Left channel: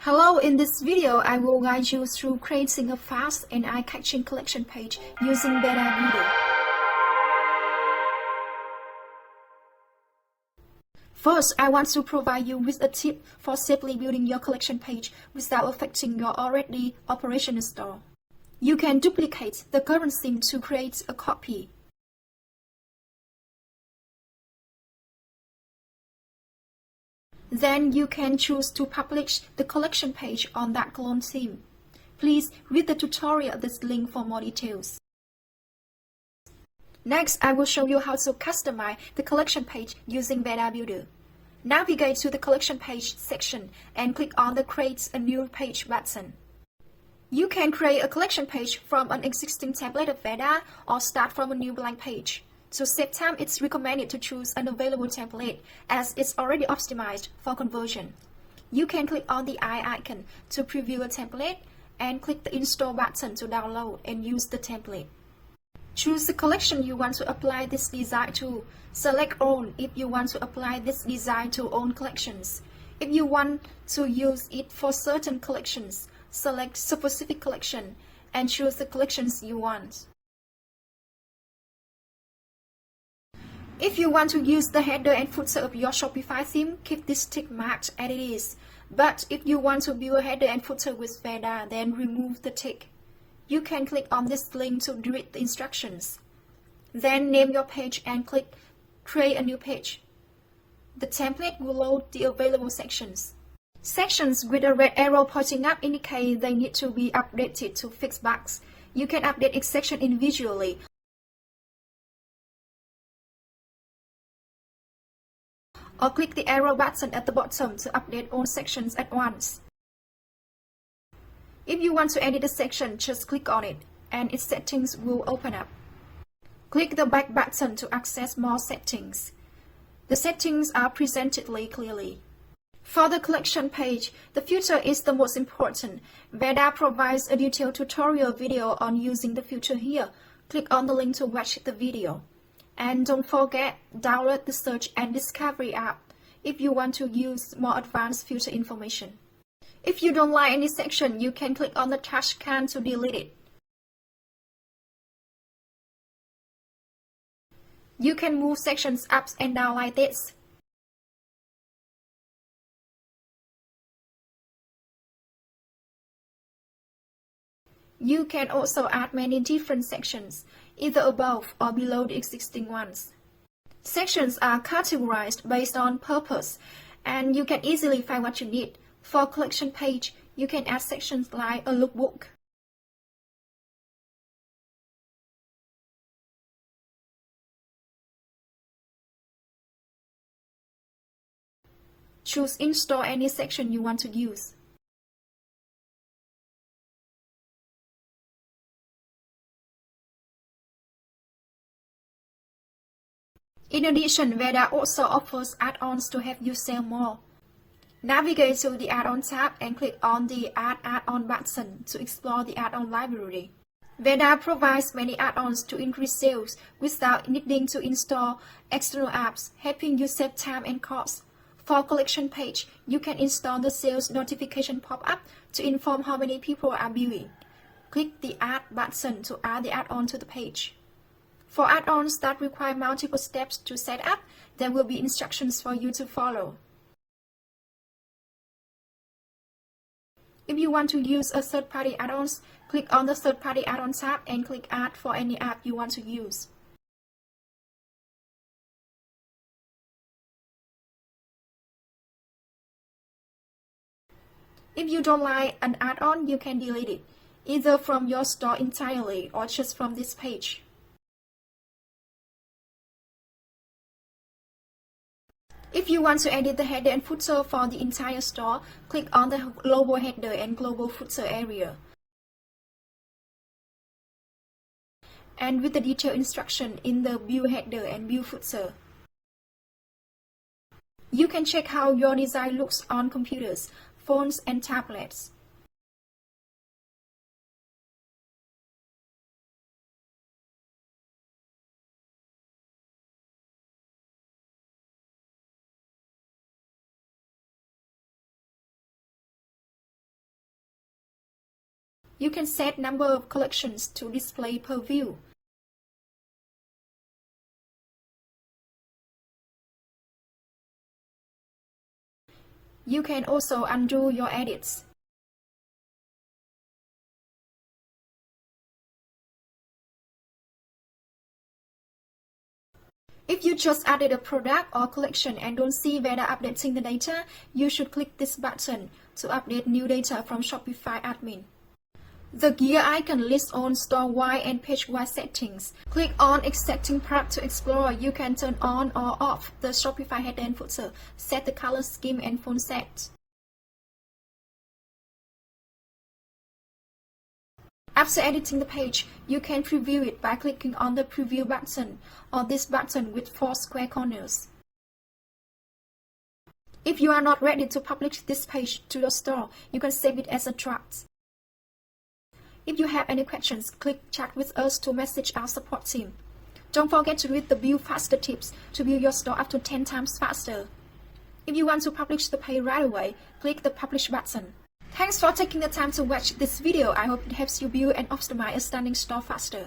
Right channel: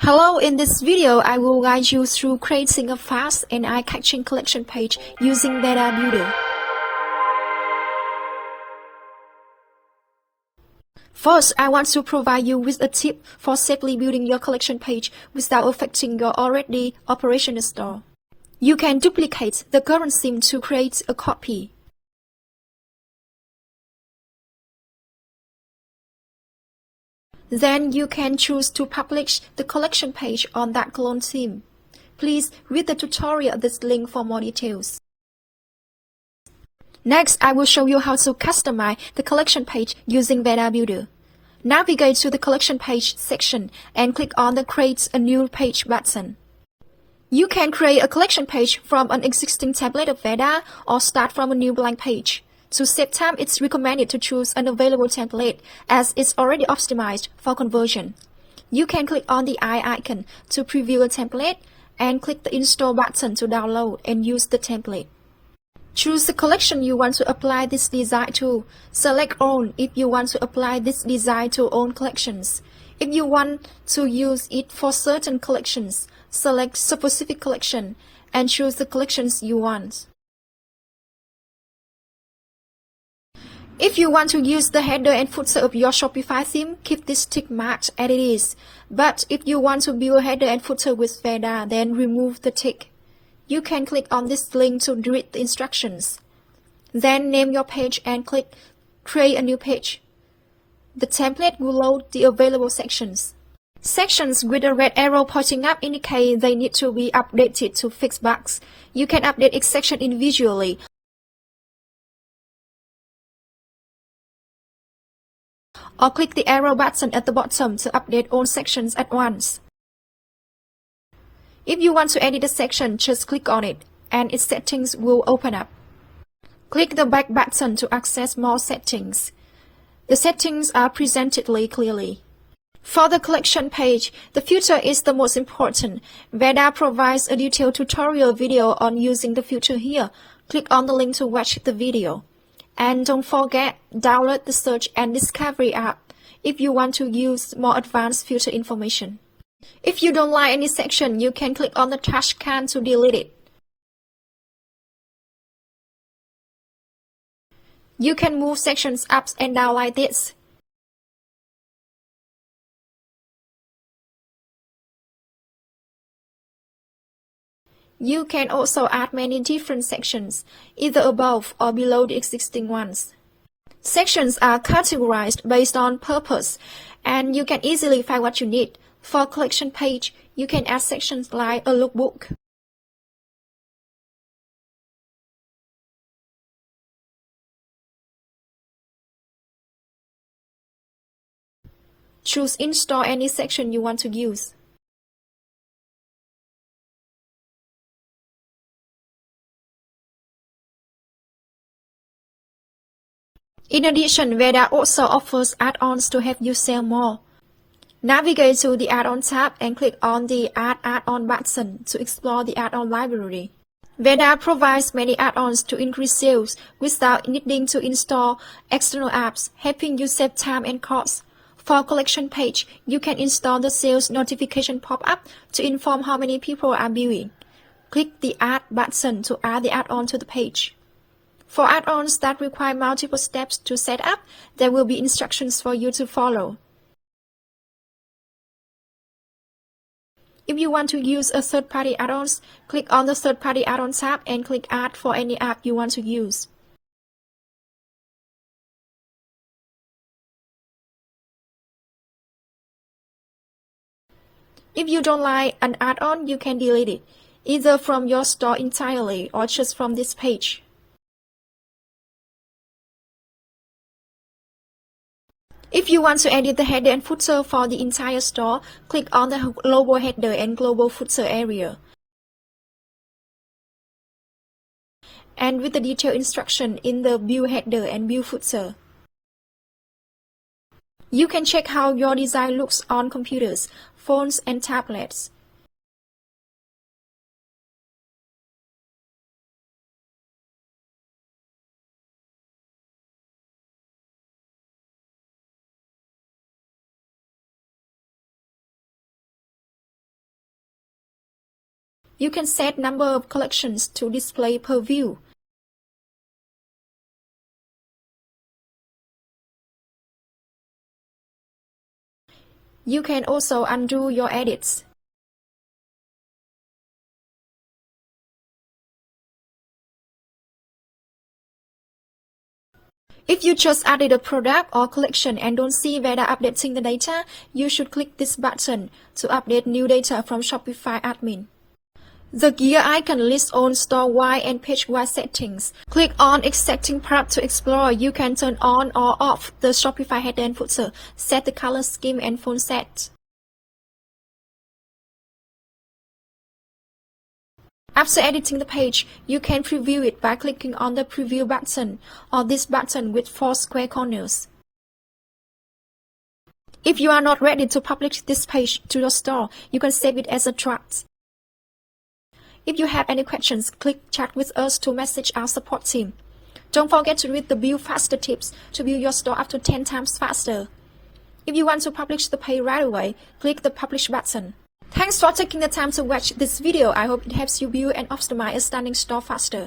Hello, in this video, I will guide you through creating a fast and eye-catching collection page using Veda Builder. First, I want to provide you with a tip for safely building your collection page without affecting your already operational store. You can duplicate the current theme to create a copy. Then you can choose to publish the collection page on that clone theme. Please read the tutorial at this link for more details. Next, I will show you how to customize the collection page using Veda Builder. Navigate to the collection page section and click on the Create a New Page button. You can create a collection page from an existing template of Veda or start from a new blank page. To save time, it's recommended to choose an available template as it's already optimized for conversion. You can click on the eye icon to preview a template and click the Install button to download and use the template. Choose the collection you want to apply this design to. Select All if you want to apply this design to all collections. If you want to use it for certain collections, select Specific Collection and choose the collections you want. If you want to use the header and footer of your Shopify theme, keep this tick marked as it is. But if you want to build a header and footer with Veda, then remove the tick. You can click on this link to read the instructions. Then name your page and click Create a New Page. The template will load the available sections. Sections with a red arrow pointing up indicate they need to be updated to fix bugs. You can update each section individually, or click the arrow button at the bottom to update all sections at once. If you want to edit a section, just click on it, and its settings will open up. Click the back button to access more settings. The settings are presented clearly. For the collection page, the filter is the most important. Veda provides a detailed tutorial video on using the filter here. Click on the link to watch the video. And don't forget, download the Search and Discovery app if you want to use more advanced filter information. If you don't like any section, you can click on the trash can to delete it. You can move sections up and down like this. You can also add many different sections, either above or below the existing ones. Sections are categorized based on purpose, and you can easily find what you need. For a collection page, you can add sections like a lookbook. Choose Install any section you want to use. In addition, Veda also offers add-ons to help you sell more. Navigate to the Add-on tab and click on the Add Add-on button to explore the add-on library. Veda provides many add-ons to increase sales without needing to install external apps, helping you save time and costs. For a collection page, you can install the sales notification pop-up to inform how many people are viewing. Click the Add button to add the add-on to the page. For add-ons that require multiple steps to set up, there will be instructions for you to follow. If you want to use a third-party add-ons, click on the Third-party Add-on tab and click Add for any app you want to use. If you don't like an add-on, you can delete it, either from your store entirely or just from this page. If you want to edit the header and footer for the entire store, click on the Global Header and Global Footer area. And with the detailed instruction in the View Header and View Footer. You can check how your design looks on computers, phones, and tablets. You can set number of collections to display per view. You can also undo your edits. If you just added a product or collection and don't see Veda updating the data, you should click this button to update new data from Shopify admin. The gear icon lists on store-wide and page-wide settings. Click on Extracting Prop to explore. You can turn on or off the Shopify header and footer, set the color scheme and font set. After editing the page, you can preview it by clicking on the Preview button or this button with 4 square corners. If you are not ready to publish this page to your store, you can save it as a draft. If you have any questions, click Chat with us to message our support team. Don't forget to read the Build Faster tips to build your store up to 10 times faster. If you want to publish the page right away, click the Publish button. Thanks for taking the time to watch this video. I hope it helps you build and optimize a stunning store faster.